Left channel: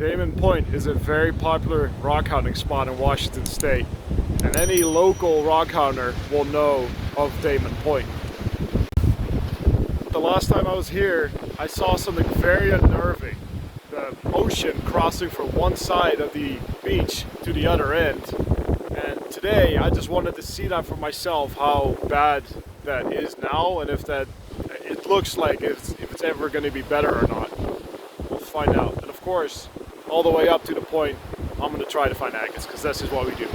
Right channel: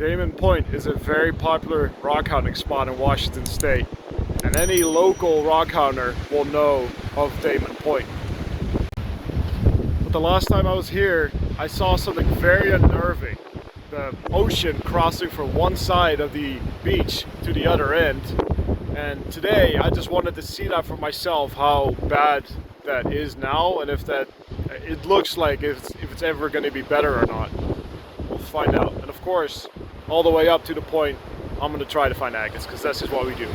Damon Point is a very popular rockhounding spot in Washington State, and any local rockhounder will know of Damon Point. But the last time I was here, I saw something very unnerving. The ocean crossing from one side of the beach to the other end. And today I just wanted to see that for myself, how bad that is now, and if it looks like if it's ever going to be better or not. We'll find out. And of course, all the way up to the point, I'm going to try to find agates, because that's just what we do.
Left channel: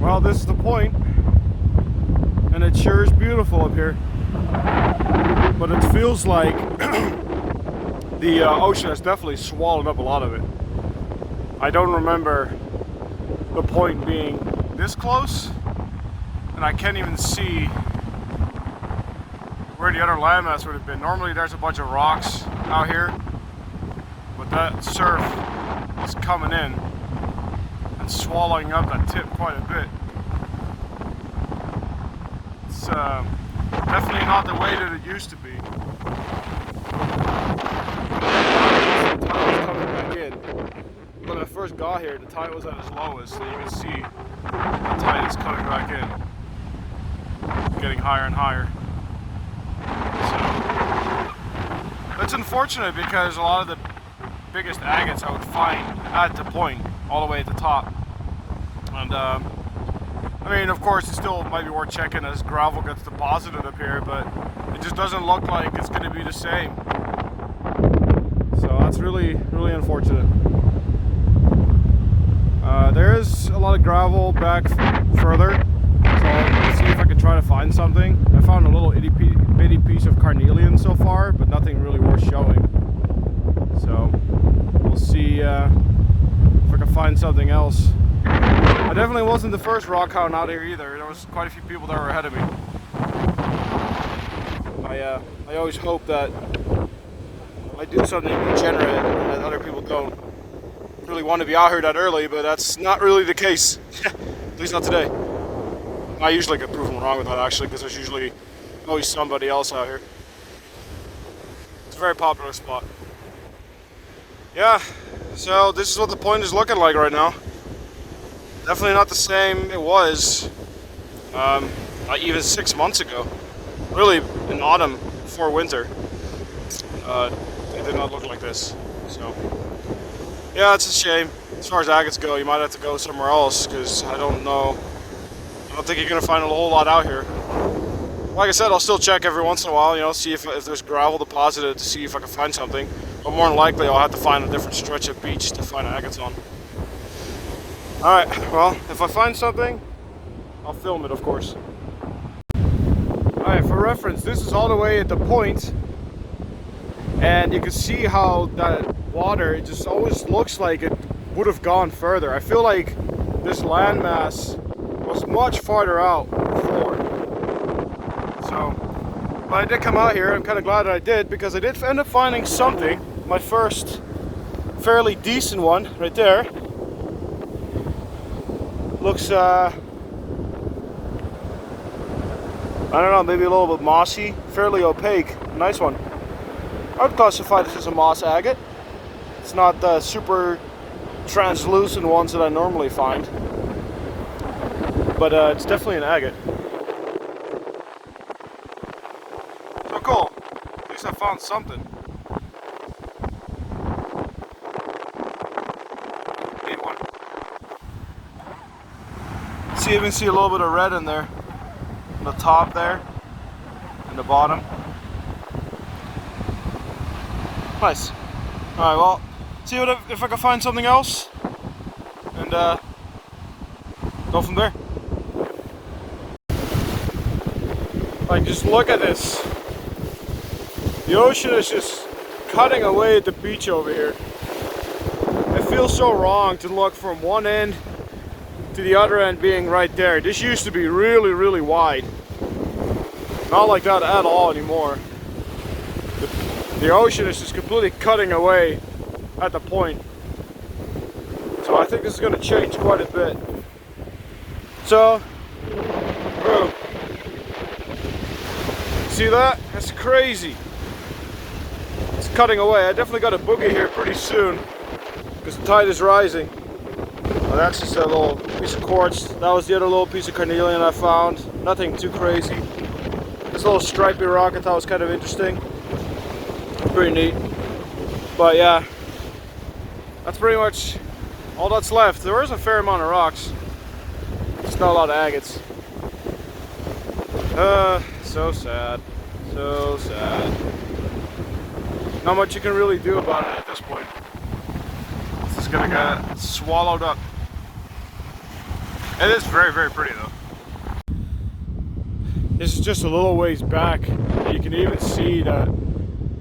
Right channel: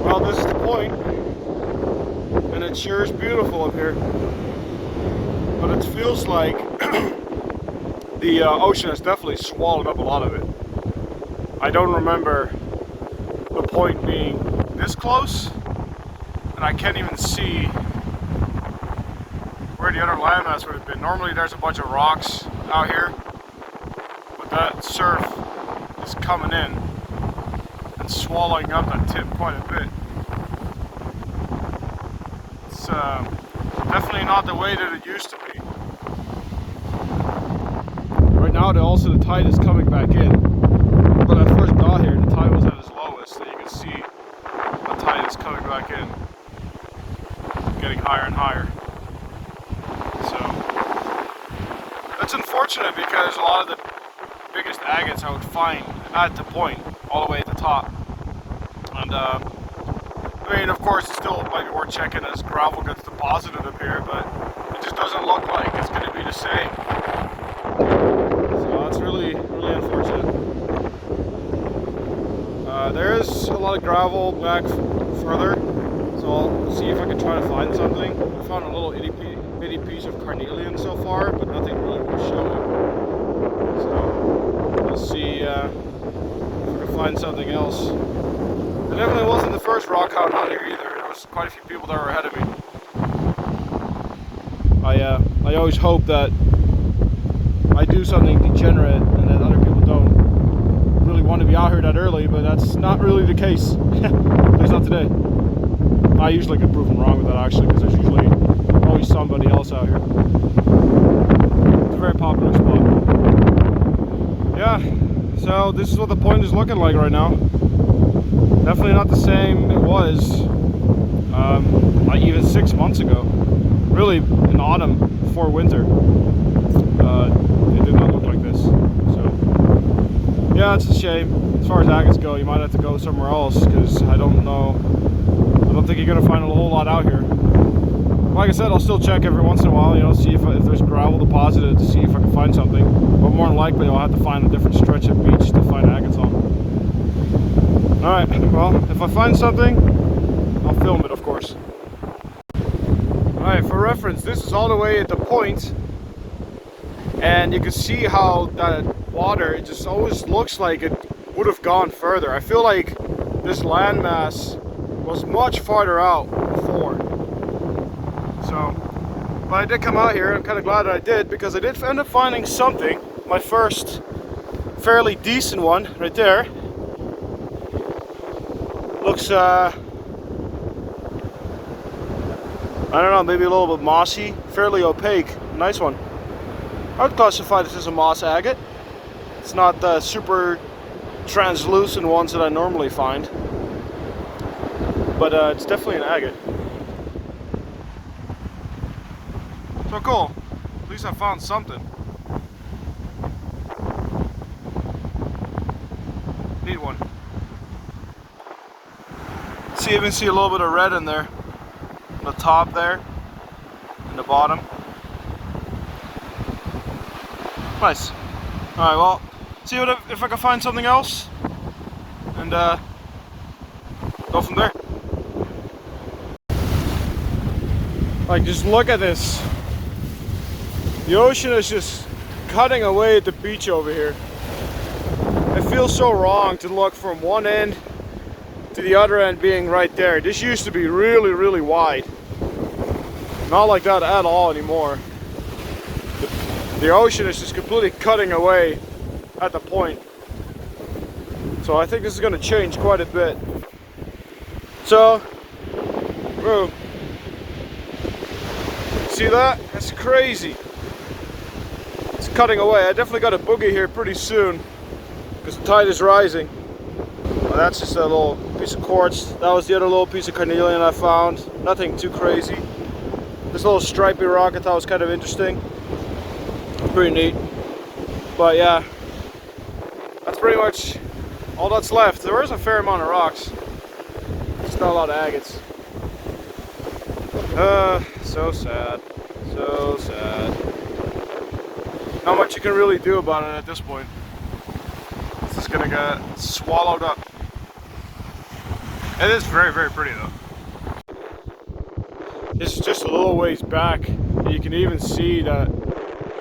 Well, this is the point, and it sure is beautiful up here, but it feels like the ocean has definitely swallowed up a lot of it. I don't remember the point being this close, and I can't even see where the other landmass would have been. Normally there's a bunch of rocks out here, but that surf is coming in and swallowing up that tip quite a bit. It's definitely not the way that it used to be. And now that also the tide is coming back in. When I first got here, the tide was at its lowest, so you can see the tide is coming back in. Getting higher and higher. So it's unfortunate because a lot of the biggest agates I would find at the point, all the way at the top. And I mean, of course, it still might be worth checking as gravel gets deposited up here, but it just doesn't look like it's going to be the same. So that's really unfortunate. There is a lot of gravel back further, so I'll see if I can try to find something. I found a little itty bitty piece of Carnelian so far, but nothing really worth showing. So we'll see if I can find something else. I definitely wasn't the first rockhound out here either. There was quite a few people that were ahead of me. I always hope that I do something degenerate and that other people don't really want to be out here that early, but that's not really the case. At least not today. I usually get proven wrong with that actually, because there's usually always somebody else out here. It's a very popular spot. Yeah, so this is what the point is looking like right now. Definitely not the same it was even 6 months ago. Really, in autumn before winter, it did not look like this. So, yeah, it's a shame. As far as agates go, you might have to go somewhere else, because I don't think you're gonna find a whole lot out here. Like I said, I'll still check every once in a while, you know, see if there's gravel deposited, to see if I can find something. But more than likely, I'll have to find a different stretch of beach to find agates on. Alright, well, if I find something, I'll film it, of course. Alright, for reference, this is all the way at the point, and you can see how that water, it just always looks like it would have gone further. I feel like this landmass was much farther out before. So, but I did come out here. I'm kind of glad that I did, because I did end up finding something. My first fairly decent one right there. Looks, I don't know, maybe a little bit mossy, fairly opaque. Nice one. I would classify this as a moss agate. It's not the super translucent ones that I normally find, but it's definitely an agate. So cool. At least I found something. Neat one. See, you even see a little bit of red in there, on the top there, and the bottom. Nice. All right, well, see if I can find something else, and go from there. Like, just look at this. The ocean is just cutting away at the beach over here. It feels so wrong to look from one end to the other end being right there. This used to be really, really wide. Not like that at all anymore. The ocean is just completely cutting away at the point. So I think this is going to change quite a bit. So, bro, see that? That's crazy. It's cutting away. I definitely got a boogie here pretty soon because the tide is rising. Well, that's just a little piece of quartz. That was the other little piece of carnelian I found. Nothing too crazy. This little stripy rock I thought was kind of interesting. Pretty neat. But yeah, that's pretty much all that's left. There is a fair amount of rocks. It's not a lot of agates. So sad. So sad. Not much you can really do about it at this point. It's just gonna get swallowed up. It is very, very pretty though. This is just a little ways back. You can even see that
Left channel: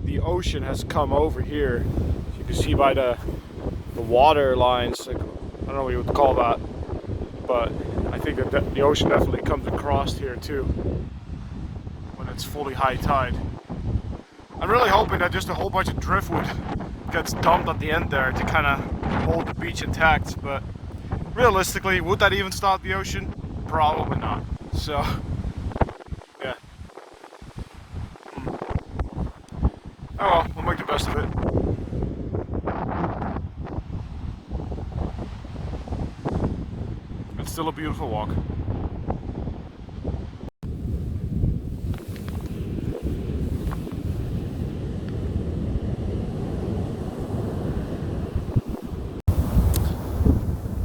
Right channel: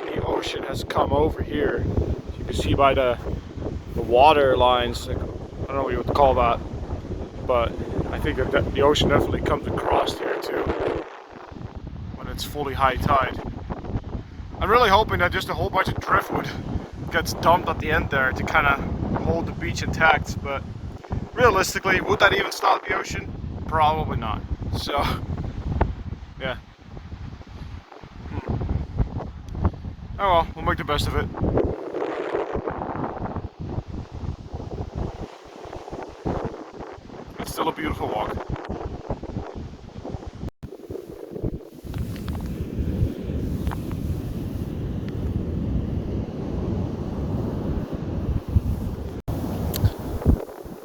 the ocean has come over here. You can see by the water lines, like, I don't know what you would call that, but I think that the ocean definitely comes across here too when it's fully high tide. I'm really hoping that just a whole bunch of driftwood gets dumped at the end there to kind of hold the beach intact, but realistically, would that even stop the ocean? Probably not. So yeah. Oh well, we'll make the best of it. It's still a beautiful walk.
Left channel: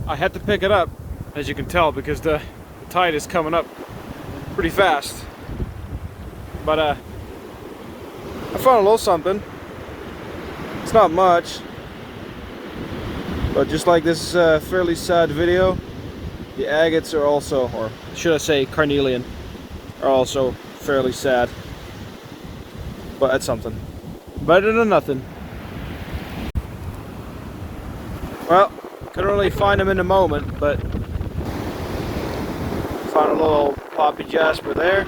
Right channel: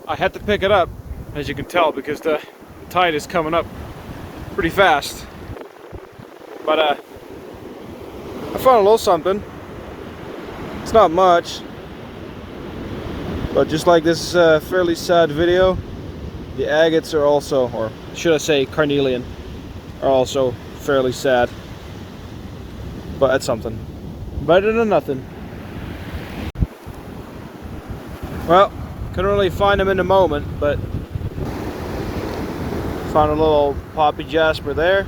I had to pick it up, as you can tell, because the tide is coming up pretty fast. But I found a little something. It's not much, but just like this fairly sad video, the agates are also, or should I say carnelian, are also fairly sad. But that's something. Better than nothing. Well, couldn't really find them in the moment, but found a little poppy jasper there.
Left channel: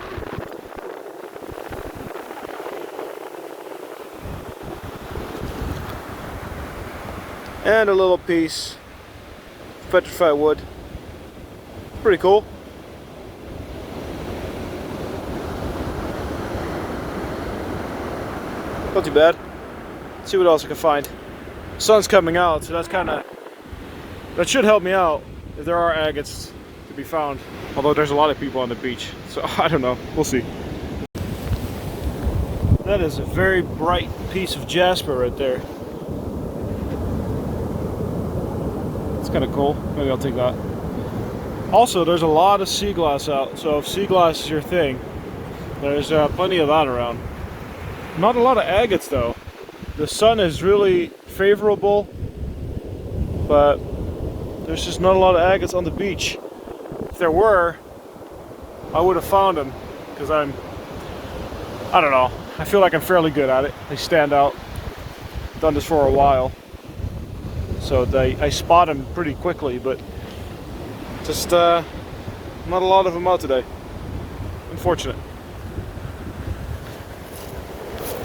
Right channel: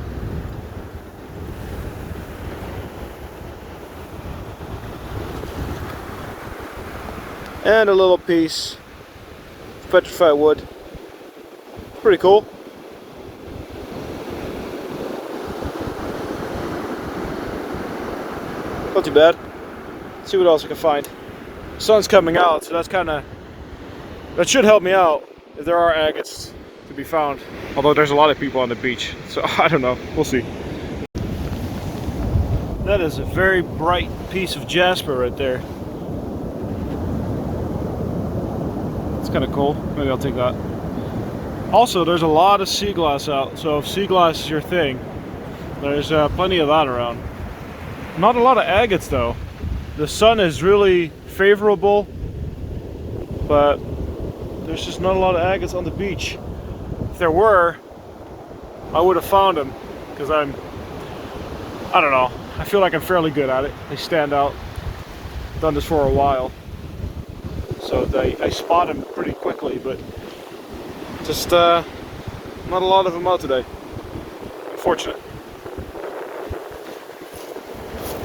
And a little piece of petrified wood. Pretty cool. Not too bad. Let's see what else I can find. The sun's coming out, so that should help me out if there are agates to be found. Although there's a lot of people on the beach, so I don't know. We'll see. That is a very bright piece of jasper right there. It's kind of cool. Maybe I'll take that. Also, there's a lot of sea glass out, so if sea glass is your thing, there's plenty of that around. Not a lot of agates though. The sun is really favorable, but there's just not a lot of agates on the beach. If there were, I would have found them, because I don't know, I feel like I'm fairly good at it. They stand out. I've done this for a while, so I spot them pretty quickly, but just not a lot of them out today. Unfortunate.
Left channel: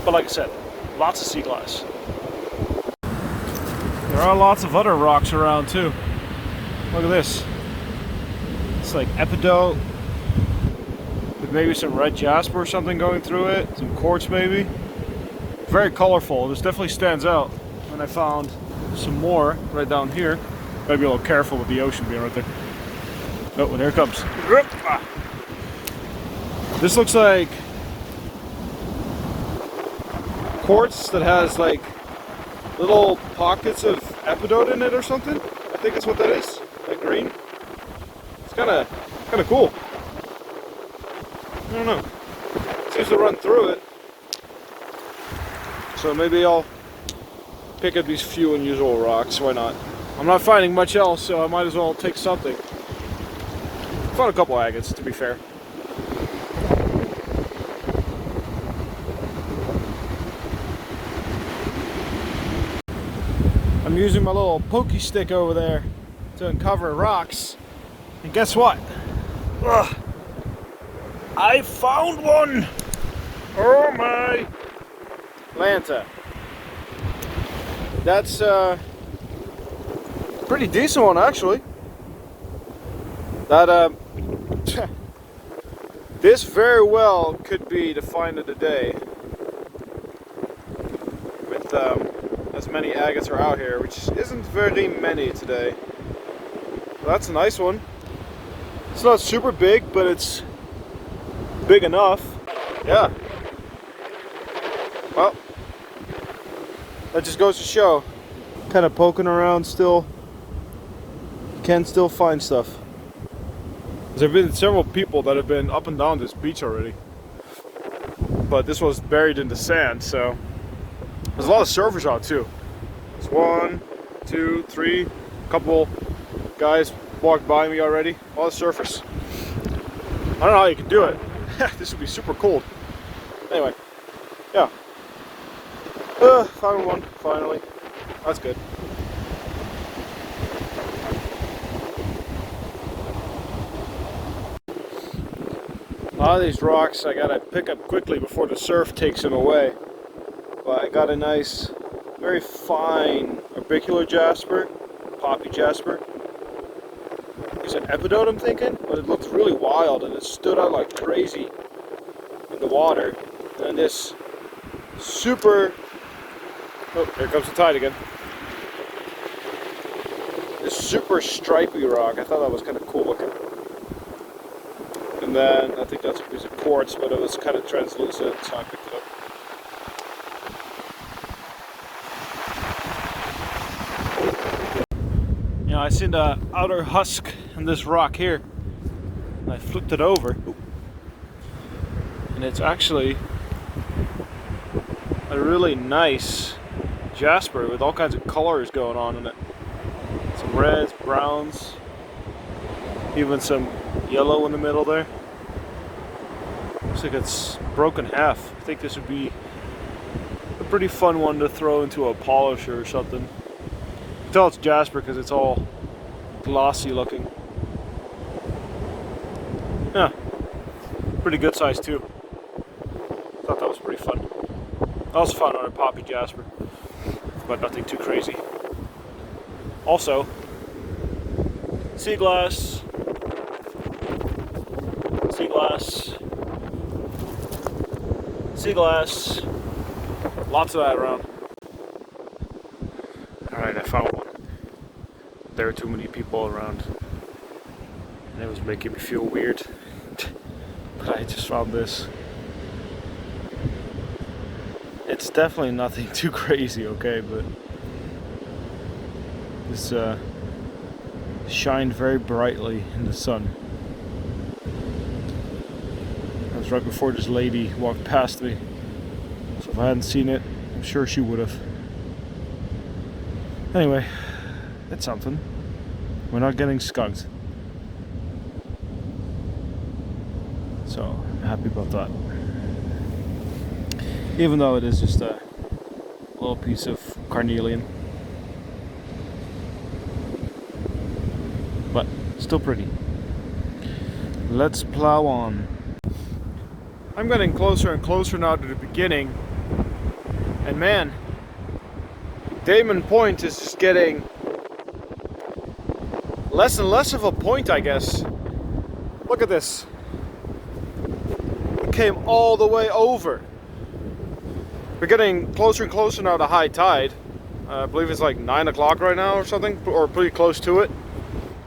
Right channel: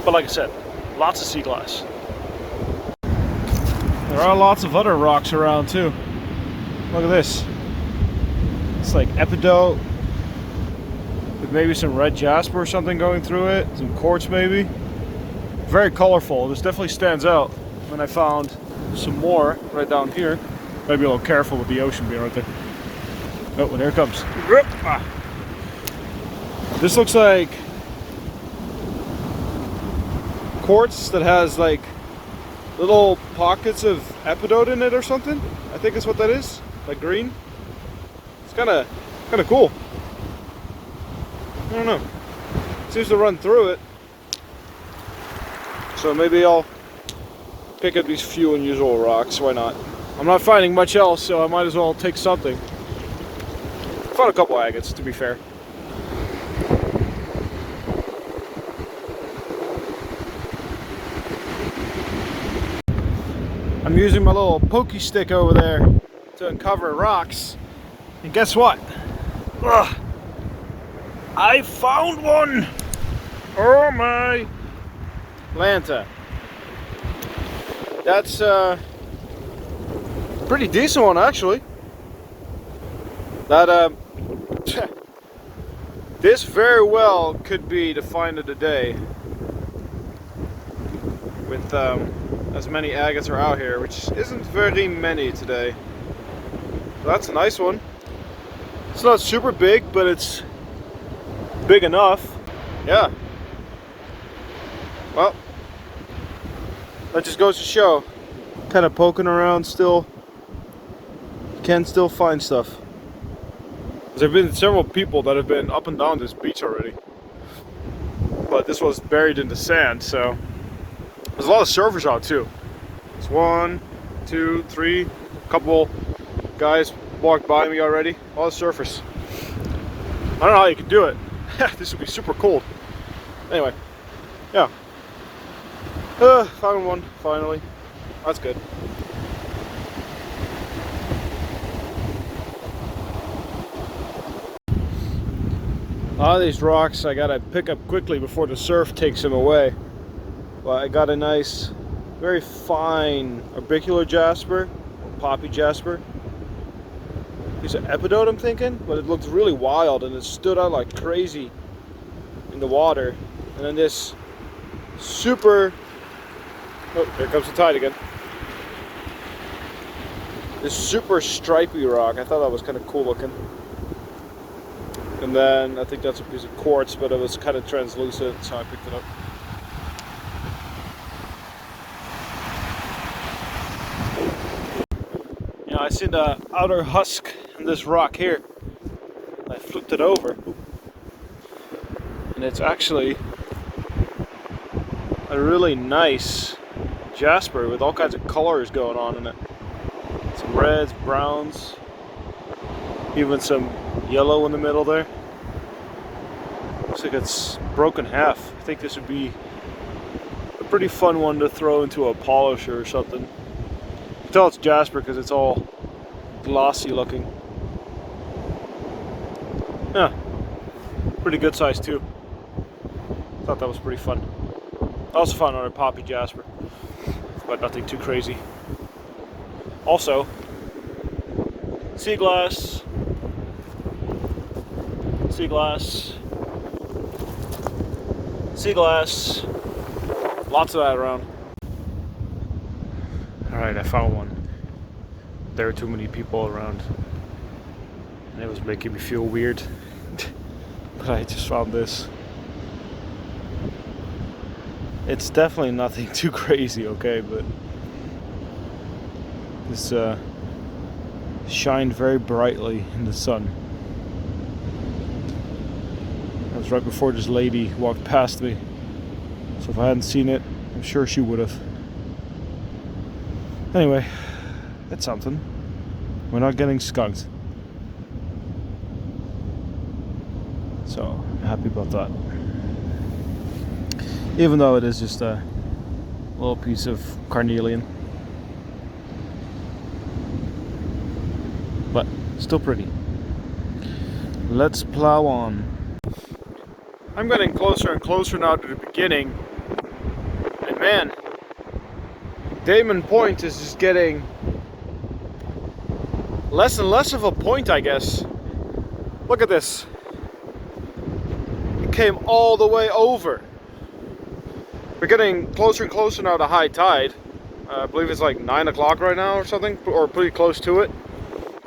But like I said, lots of sea glass. There are lots of other rocks around too. Look at this. It's like epidote with maybe some red jasper or something going through it. Some quartz maybe. Very colorful. This definitely stands out. And I found some more right down here. Gotta be a little careful with the ocean being right there. Oh, and here it comes. This looks like quartz that has like little pockets of epidote in it or something. I think that's what that is. Like green. It's kind of cool. I don't know. Seems to run through it. So maybe I'll pick up these few unusual rocks. Why not? I'm not finding much else, so I might as well take something. I found a couple agates, to be fair. I'm using my little pokey stick over there to uncover rocks, and guess what? Ugh. I found one! Oh my! Lanta. That's pretty decent one actually. That this very well could be the find of the day. With as many agates are out here, which isn't very many today. So that's a nice one. It's not super big, but it's big enough. Yeah. Well, that just goes to show. Kind of poking around still. You can still find stuff. There have been several people that have been up and down this beach already. But this was buried in the sand, so there's a lot of surfers out too. It's 1, 2, 3, couple guys walked by me already. A lot of surfers. I don't know how you can do it. This would be super cold. Anyway, yeah. Found one finally. That's good. A lot of these rocks I gotta pick up quickly before the surf takes them away. But I got a nice, very fine orbicular jasper, poppy jasper. It's an epidote, I'm thinking, but it looked really wild and it stood out like crazy in the water. And then this super, oh, here comes the tide again. This super stripy rock, I thought that was kind of cool looking. And then I think that's a piece of quartz, but it was kind of translucent, so I picked it up. You know, I seen the outer husk in this rock here, and I flipped it over, and it's actually a really nice jasper with all kinds of colors going on in it. Some reds, browns, even some yellow in the middle there. Looks like it's broken half. I think this would be a pretty fun one to throw into a polisher or something. You can tell it's jasper because it's all glossy looking. Yeah, pretty good size too. Thought that was pretty fun. I also found another poppy jasper, but nothing too crazy. Also, sea glass, sea glass, sea glass, lots of that around. Alright, I found one. There were too many people around, and it was making me feel weird. But I just found this. It's definitely nothing too crazy, okay, but this shined very brightly in the sun. That was right before this lady walked past me, so if I hadn't seen it, I'm sure she would have. Anyway, it's something. We're not getting skunked, so I'm happy about that. Even though it is just a little piece of carnelian, but still pretty. Let's plow on. I'm getting closer and closer now to the beginning, and man, Damon Point is just getting less and less of a point, I guess. Look at this. It came all the way over. We're getting closer and closer now to high tide. I believe it's like 9 o'clock right now or something, or pretty close to it.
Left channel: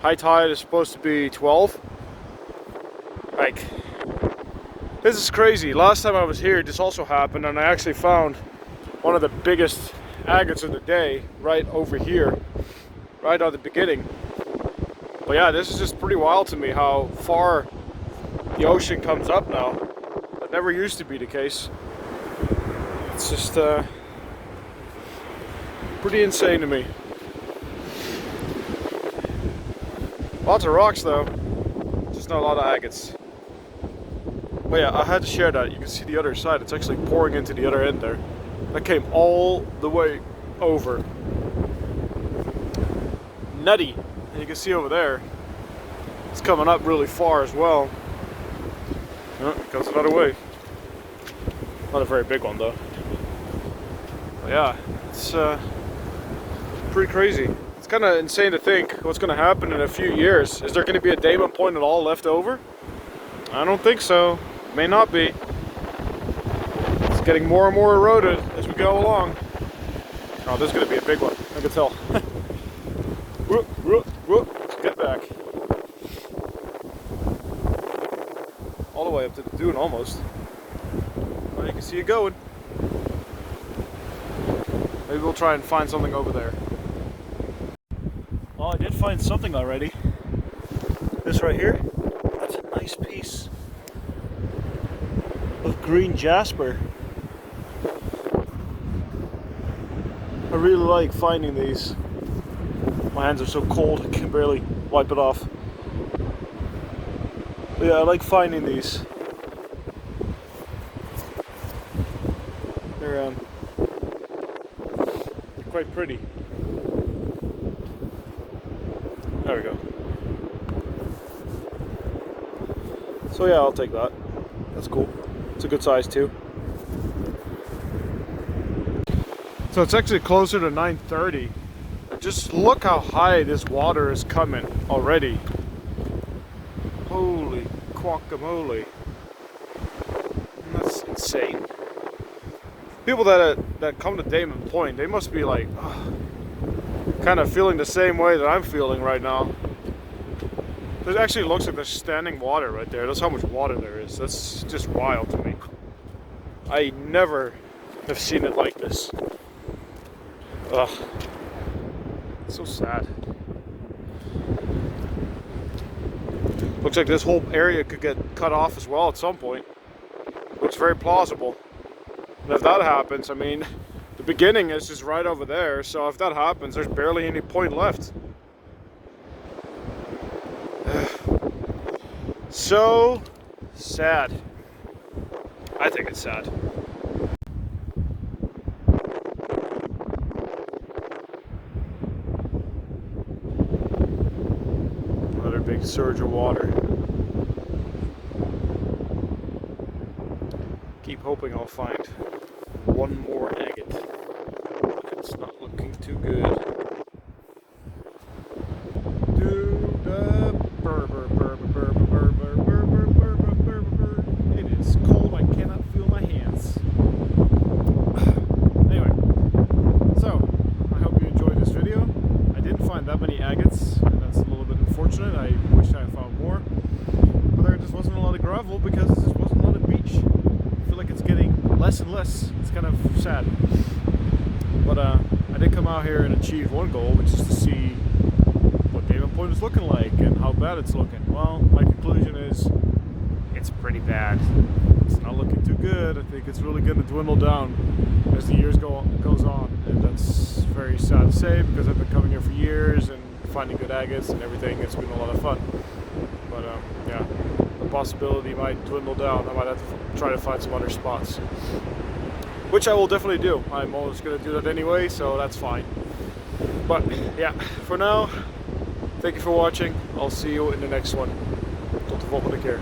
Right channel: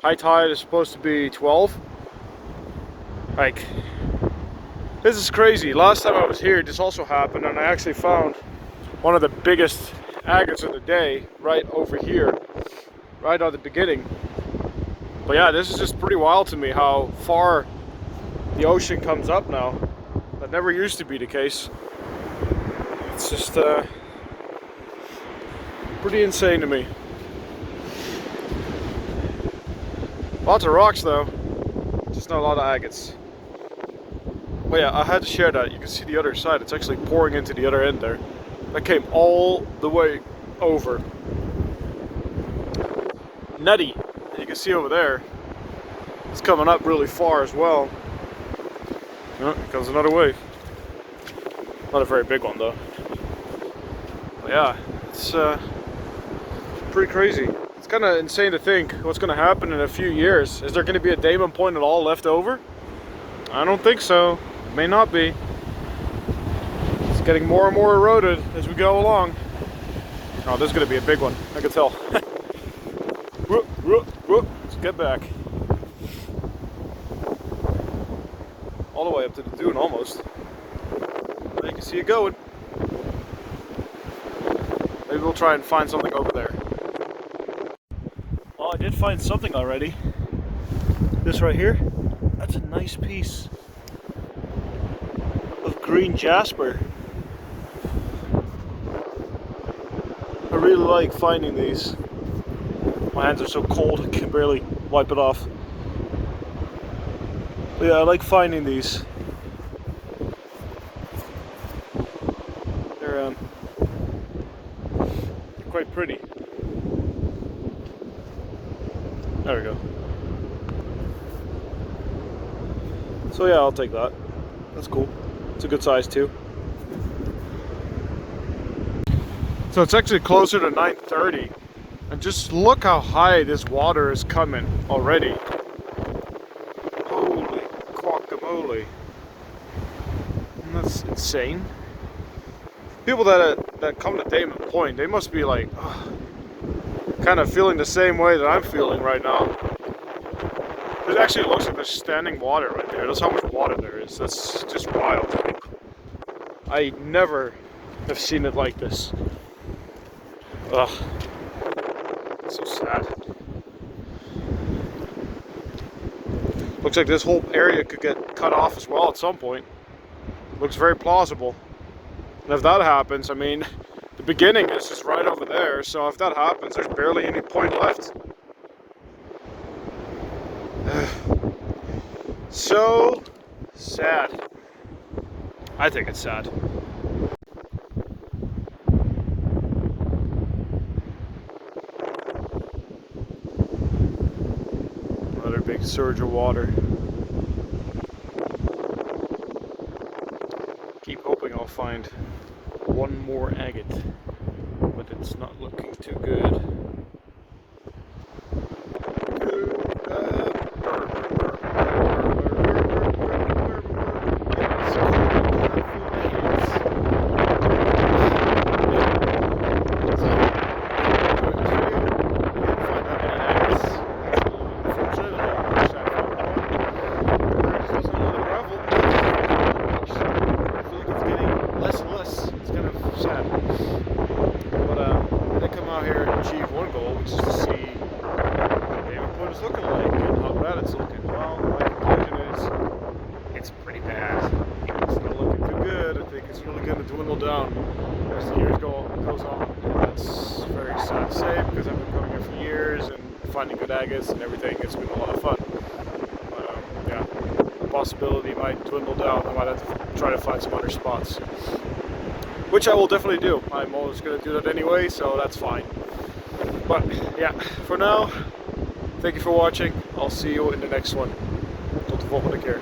High tide is supposed to be 12. Like, this is crazy. Last time I was here, this also happened, and I actually found one of the biggest agates of the day right over here, right at the beginning. But yeah, this is just pretty wild to me how far the ocean comes up now. That never used to be the case. It's just pretty insane to me. Lots of rocks though, just not a lot of agates. But yeah, I had to share that. You can see the other side. It's actually pouring into the other end there. That came all the way over. Nutty. And you can see over there, it's coming up really far as well. Oh, here comes another wave. Not a very big one though. But yeah, it's pretty crazy. It's kind of insane to think what's going to happen in a few years. Is there going to be a Damon point at all left over? I don't think so. It may not be. It's getting more and more eroded as we go along. Oh, this is going to be a big one. I can tell. Let's get back. All the way up to the dune almost. Now you can see it going. Maybe we'll try and find something over there. Well, I did find something already. This right here, that's a nice piece of green jasper. I really like finding these. My hands are so cold I can barely wipe it off. But yeah, I like finding these. They're quite pretty. There we go. So yeah, I'll take that. That's cool. It's a good size too. So it's actually closer to 9:30. And just look how high this water is coming already. Holy guacamole. And that's insane. People that come to Damon Point, they must be like kind of feeling the same way that I'm feeling right now. It actually looks like there's standing water right there. That's how much water there is. That's just wild to me. I never have seen it like this. Ugh. It's so sad. Looks like this whole area could get cut off as well at some point. Looks very plausible. And if that happens, I mean, the beginning is just right over there. So if that happens, there's barely any point left. So sad. I think it's sad. Another big surge of water. Keep hoping I'll find one more agate, but it's not looking too good. It's cold, I cannot feel my hands. So, I hope you enjoyed this video. I didn't find that many agates. That's a little bit unfortunate. I wish I found more. There just wasn't a lot of gravel because it wasn't on the beach. I feel like it's getting less and less. It's kind of sad. But I did come out here and achieve one goal, which is to see what Damon Point is looking like and how bad it's looking. Well, my conclusion is it's pretty bad. It's not looking too good. I think it's really going to dwindle down as the years goes on, and that's very sad to say because I've been coming here for years and finding good agates and everything. It's been a lot of fun. But yeah, the possibility might dwindle down. I might have to try to find some other spots, which I will definitely do. I'm always going to do that anyway, so that's fine. But yeah, for now, thank you for watching. I'll see you in the next one. Tot de volgende keer.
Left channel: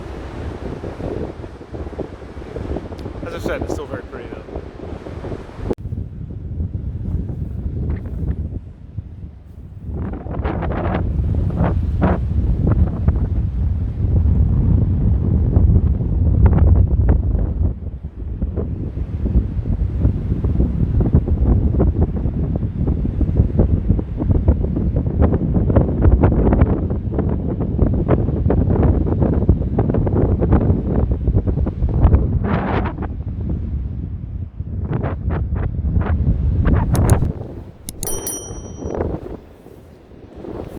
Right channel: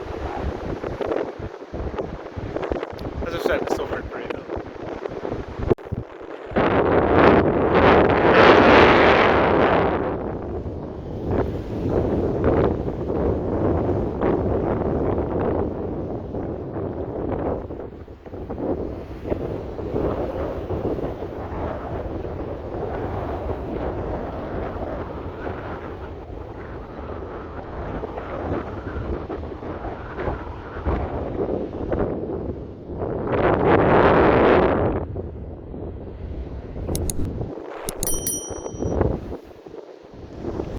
As I said, it's still very pretty though.